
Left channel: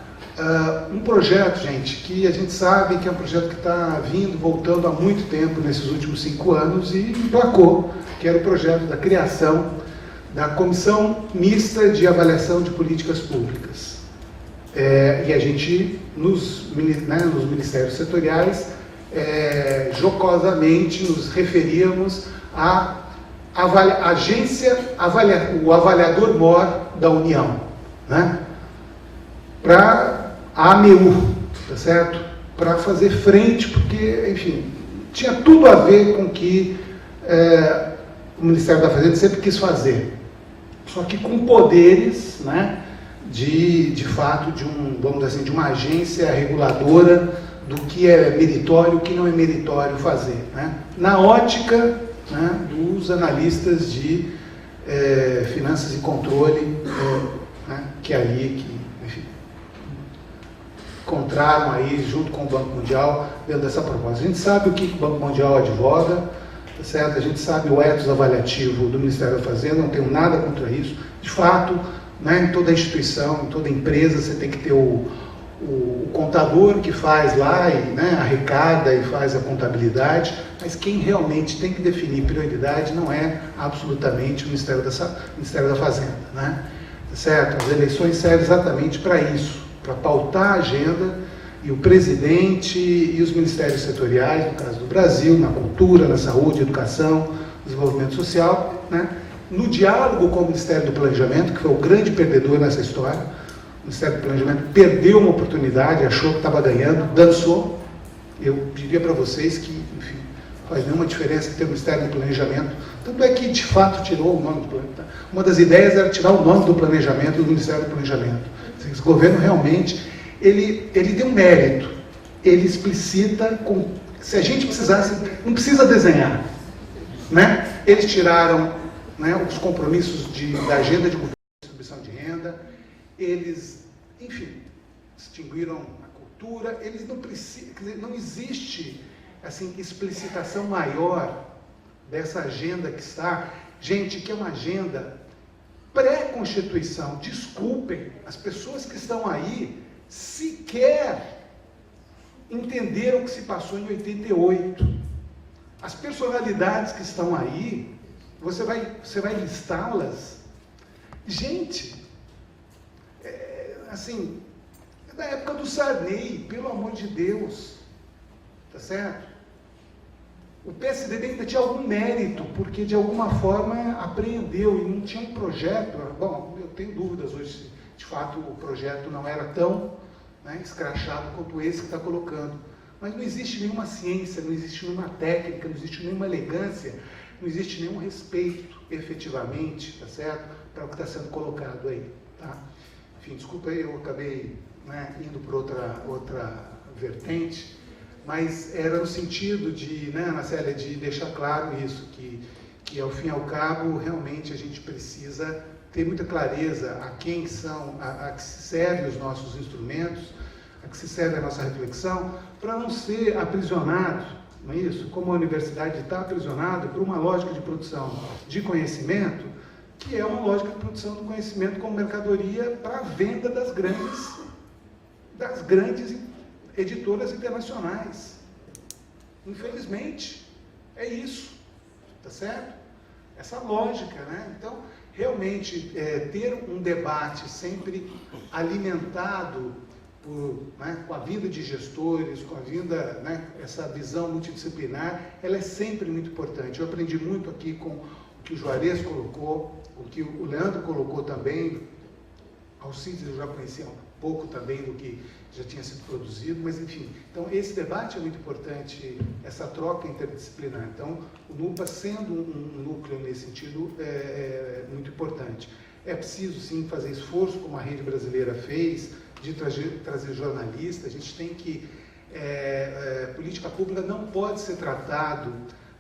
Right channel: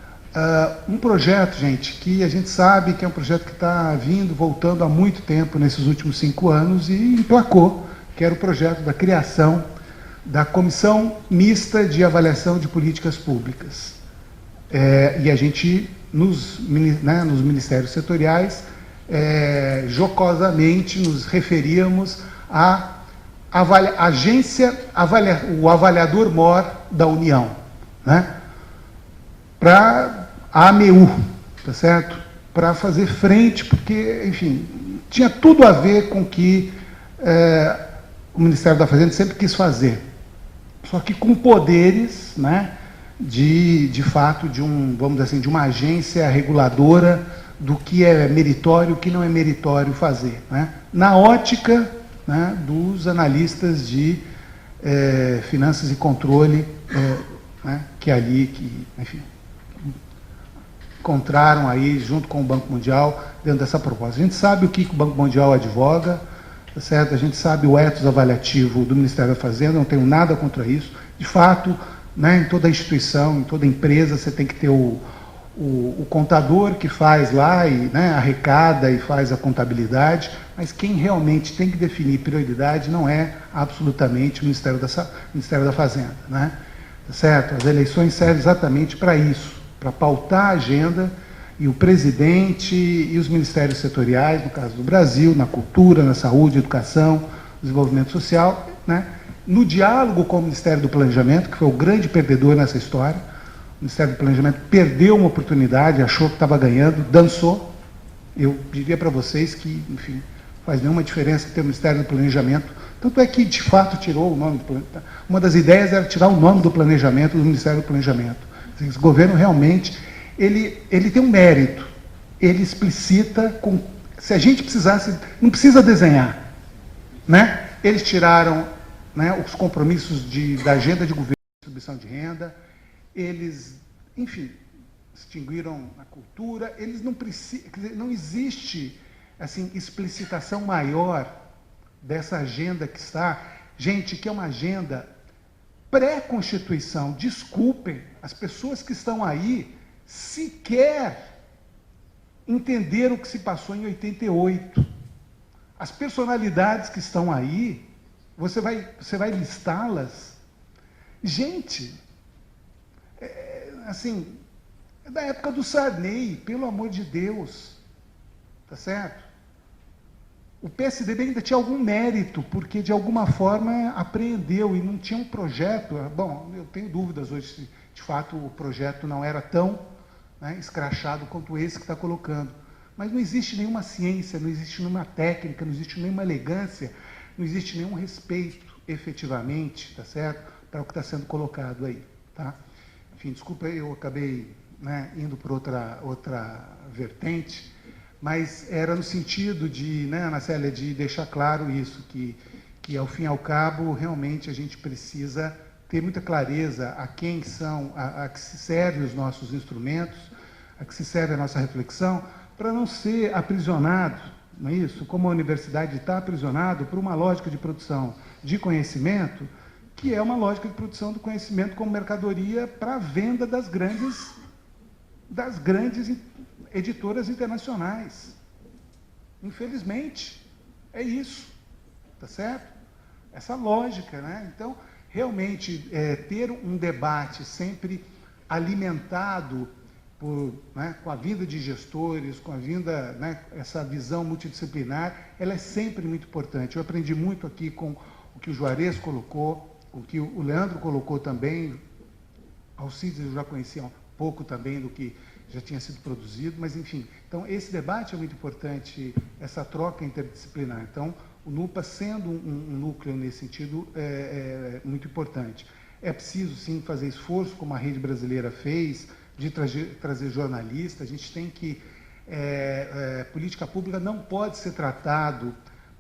um projeto, gente, que a gente sabe que é um projeto que está voltando há muito tempo, nesses últimos 5 anos, e emplacou, que era o projeto da criação da Comissão Mista de Avaliação de Políticas Públicas. E a gente, nos ministérios setoriais, jocosamente nos referíamos à agência, o avaliador mor da União, né? Para a AMEU, tá certo? Para fazer frente, porque, enfim, tinha tudo a ver com o que o Ministério da Fazenda sempre quis fazer, só que com poderes, né, de fato, vamos dizer assim, de uma agência reguladora do que é meritório e o que não é meritório fazer, né? Na ótica, né, dos analistas de finanças e controle, né, enfim, encontraram aí, junto com o Banco Mundial, dentro dessa proposta. A gente sabe o que o Banco Mundial advoga, certo? A gente sabe o ethos avaliativo do Ministério da Fazenda, não tenho nada contra isso. De fato, né, em toda instituição, em toda empresa, você tem que ter o contador que faz lá e, né, arrecada e faz a contabilidade, mas quem realmente tem que definir prioridade não é absolutamente o Ministério da Fazenda, né? Certo? As eleições servem exatamente para isso, para pautar a agenda, e o presidente e os ministérios setoriais, no caso do Brasil, na cultura, na saúde, educação, desenvolvimento social, né, no diálogo com o Ministério do Planejamento, que foi o grande perdedor nessa história. O Ministério do Planejamento perdeu uma oportunidade, achou que estava ganhando, dançou. Eu diria para vocês que, enfim, faz nenhuma diferença ter o Ministério do Planejamento. Tanto é que, de fato, tirou o nome do planejamento. Uma das ideias era tirar o nome do planejamento do Ministério do Planejamento. Esse governo realmente, ele tem um mérito. Ele explicita, se a gente precisasse, não precisa desenhar, né? Eles tiraram, né, os compromissos da agenda de governo de distribuição de renda. Eles, enfim, extinguiram a cultura, não existe, assim, explicitação maior dessa agenda que está, gente, que é uma agenda pré-constituição. Desculpem, as pessoas que estão aí sequer entenderam o que se passou em 88. As personalidades que estão aí, você vai listá-las, gente, assim, da época do Sarney, pelo amor de Deus, tá certo? O PSDB ainda tinha algum mérito, porque de alguma forma apreendeu e não tinha um projeto. Bom, eu tenho dúvidas hoje se de fato o projeto não era tão, né, escrachado quanto esse que está colocando. Mas não existe nenhuma ciência, não existe nenhuma técnica, não existe nenhuma elegância, não existe nenhum respeito, efetivamente, tá certo? Para o que está sendo colocado aí, tá? Enfim, desculpa, eu acabei, né, indo para outra vertente, mas era no sentido de, né, Ana Célia, de deixar claro isso, que ao fim e ao cabo, realmente a gente precisa ter muita clareza a quem são, a que se servem os nossos instrumentos, a que se serve a nossa reflexão, para não ser aprisionado, não é isso? Como a universidade está aprisionada por uma lógica de produção de conhecimento, que é uma lógica de produção do conhecimento como mercadoria para a venda das grandes editoras internacionais. Infelizmente, é isso, tá certo? Essa lógica, né? Então, realmente, ter um debate sempre alimentado com a vinda de gestores, com a vinda, essa visão multidisciplinar, ela é sempre muito importante. Eu aprendi muito aqui com o que o Juarez colocou, o que o Leandro colocou também, Alcides eu já conhecia um pouco também do que já tinha sido produzido, mas enfim. Então, esse debate é muito importante, essa troca interdisciplinar. Então, o NUPA, sendo um núcleo nesse sentido, é muito importante. É preciso, sim, fazer esforço, como a Rede Brasileira fez, de trazer jornalistas. A gente tem que... política pública não pode ser tratado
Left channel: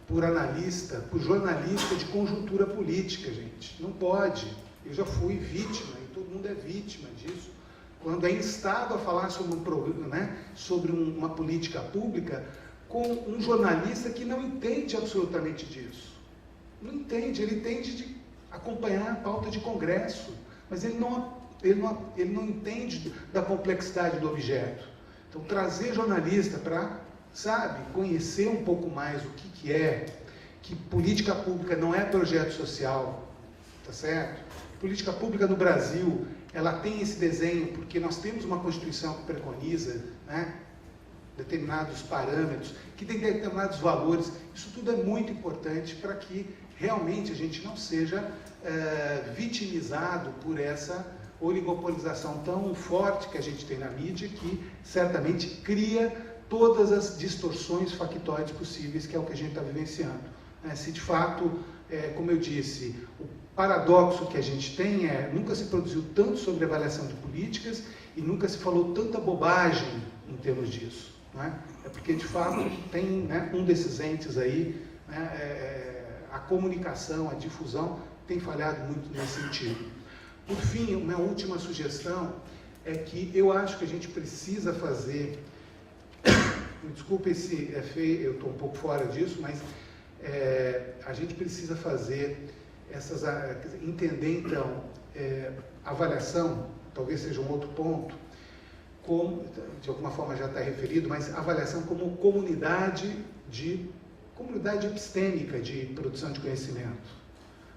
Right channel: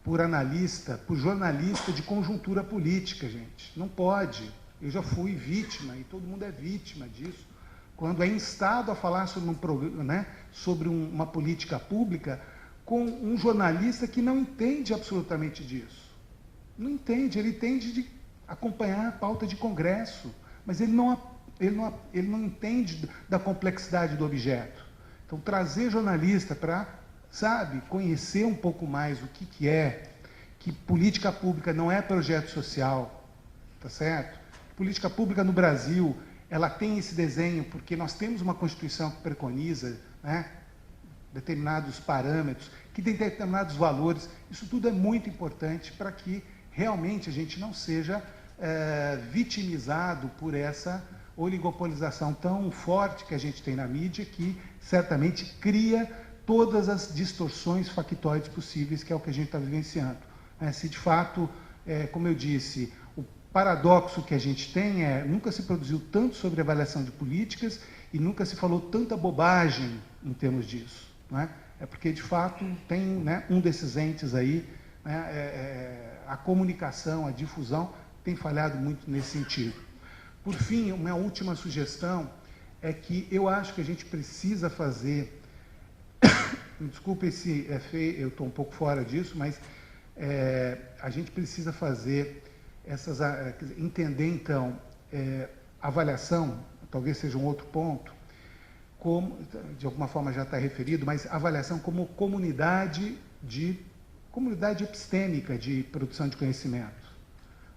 por jornalista de conjuntura política, gente. Não pode. Eu já fui vítima, e todo mundo é vítima disso. Quando é instado a falar sobre uma política pública com um jornalista que não entende absolutamente disso. Não entende, ele entende de acompanhar a pauta de congresso, mas ele não entende da complexidade do objeto. Então, trazer jornalista para, conhecer um pouco mais o que é, que política pública não é projeto social, tá certo? Política pública no Brasil, ela tem esse desenho porque nós temos uma Constituição que preconiza, determinados parâmetros, que tem determinados valores. Isso tudo é muito importante para que realmente a gente não seja vitimizado por essa oligopolização tão forte que a gente tem na mídia, que certamente cria todas as distorções factuais possíveis, que é o que a gente está vivenciando. Se de fato, como eu disse, o paradoxo que a gente tem nunca se produziu tanto sobre avaliação de políticas e nunca se falou tanta bobagem em termos disso. É porque, de fato, tem um desses entes aí, a comunicação, a difusão, tem falhado muito nesse sentido. Por fim, a minha última sugestão é que eu acho que a gente precisa fazer, me desculpe se é feio, eu estou um pouco fora disso, mas a gente precisa fazer entender então, avaliação, talvez seja um outro ponto, como, de alguma forma já está referido, mas avaliação como comunidade epistêmica de produção de conhecimento.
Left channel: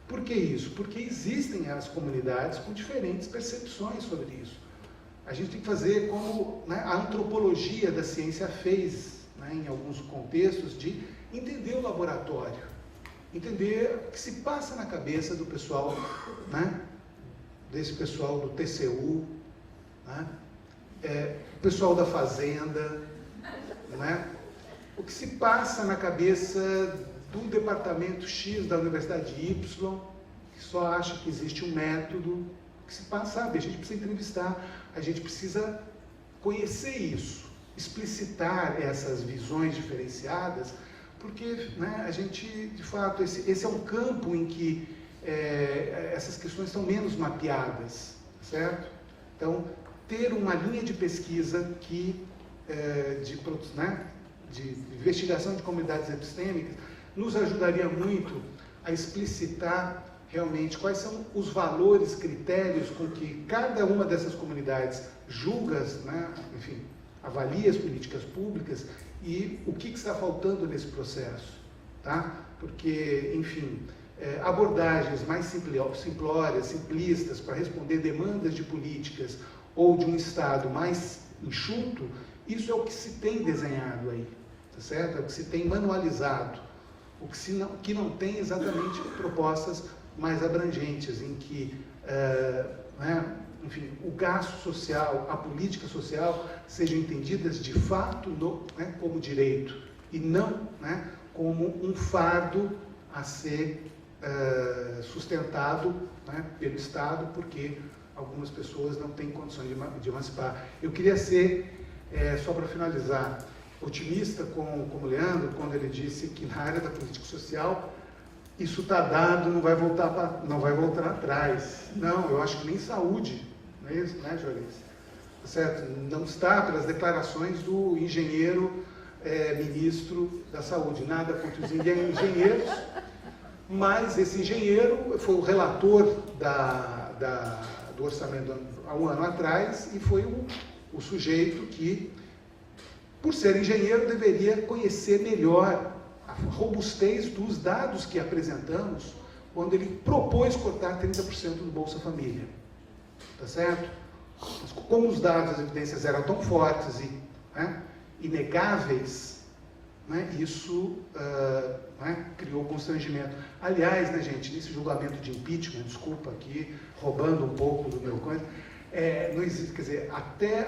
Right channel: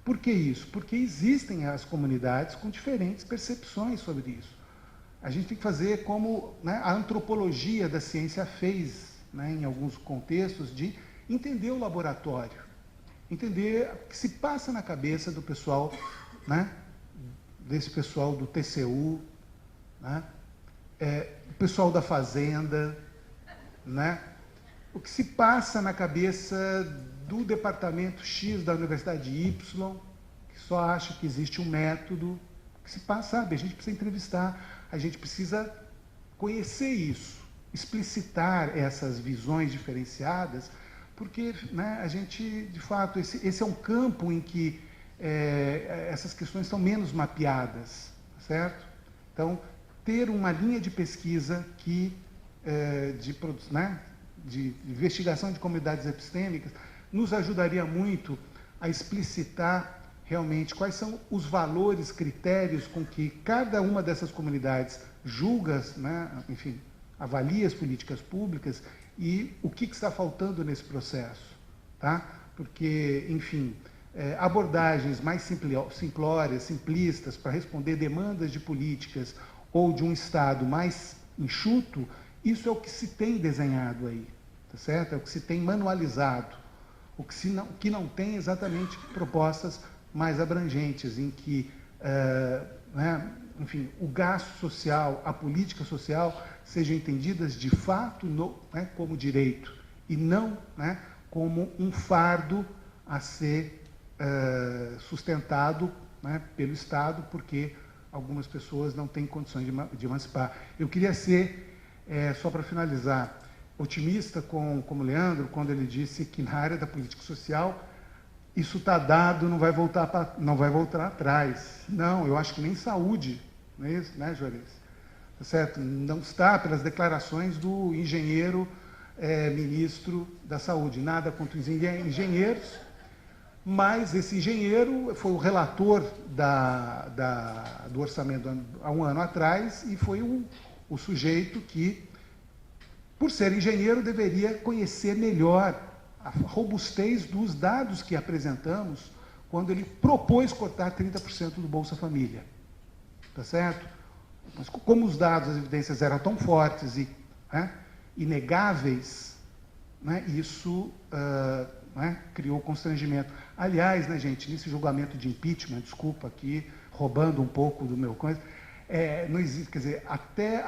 Por que isso? Porque existem as comunidades com diferentes percepções sobre isso. A gente tem que fazer como a antropologia da ciência fez, em alguns contextos, de entender o laboratório, entender o que se passa na cabeça do pessoal, desse pessoal do TCU, o pessoal da fazenda, o que se passa na cabeça do departamento X da Universidade Y, que só acha que existe um método, o que se passa, a gente precisa entrevistar, a gente precisa conhecer isso, explicitar essas visões diferenciadas, porque a gente, de fato, esse é um campo em que essas questões são menos mapeadas, certo? Então, ter uma linha de pesquisa que, de investigação de comunidades epistêmicas nos ajudaria muito a explicitar realmente quais são os valores, critérios com que cada uma dessas comunidades julga, avalia as políticas públicas e o que está faltando nesse processo, tá? Porque, enfim, abordagens mais simplórias, simplistas, para responder demandas de políticas ou de um Estado mais enxuto, isso é o que se tem desenhado aí, tá certo? É o que se tem manualizado, o que não tem exatamente propostas mais abrangentes, em que, enfim, o gasto social, a política social, sejam entendidas de fato como direito e não como um fardo a ser sustentado pelo Estado, porque algumas pessoas não têm condições de emancipar. Eu queria ser, só para finalizar, otimista como o Leandro, quando ele disse que na área da política social isso está dado, não vai voltar atrás. Não, eu acho que nem saúde, não é isso, né, Joris? Certo? Não está pelas declarações do engenheiro ministro da Saúde. Nada contra os engenheiros, mas esse engenheiro foi o relator do orçamento há um ano atrás e foi o sujeito que, por ser engenheiro, deveria conhecer melhor a robustez dos dados que apresentamos quando ele propôs cortar 30% do Bolsa Família. Tá certo? Mas como os dados, as evidências eram tão fortes e inegáveis, né, isso criou constrangimento. Aliás, né, gente, nesse julgamento de impeachment, desculpa aqui, roubando um pouco do meu conto, não existe, quer dizer, até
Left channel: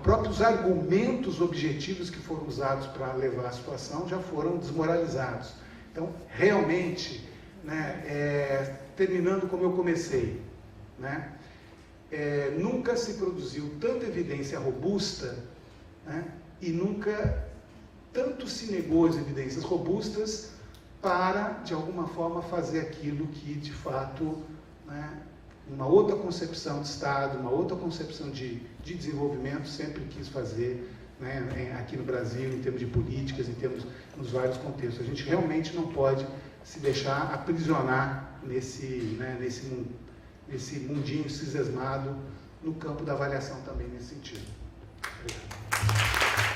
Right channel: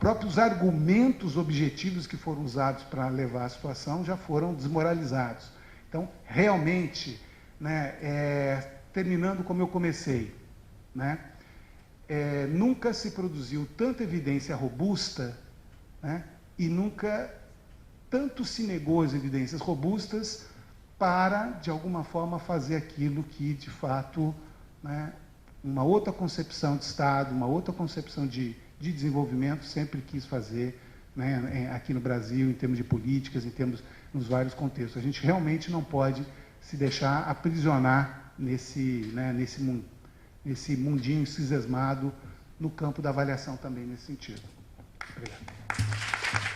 próprios argumentos objetivos que foram usados para levar a situação já foram desmoralizados. Então, realmente, né, terminando como eu comecei, né, nunca se produziu tanta evidência robusta, né, e nunca tanto se negou as evidências robustas para, de alguma forma, fazer aquilo que, de fato, né, uma outra concepção de Estado, uma outra concepção de desenvolvimento sempre quis fazer, né, aqui no Brasil, em termos de políticas, nos vários contextos. A gente realmente não pode se deixar aprisionar nesse mundinho cismado no campo da avaliação também, nesse sentido. Obrigado.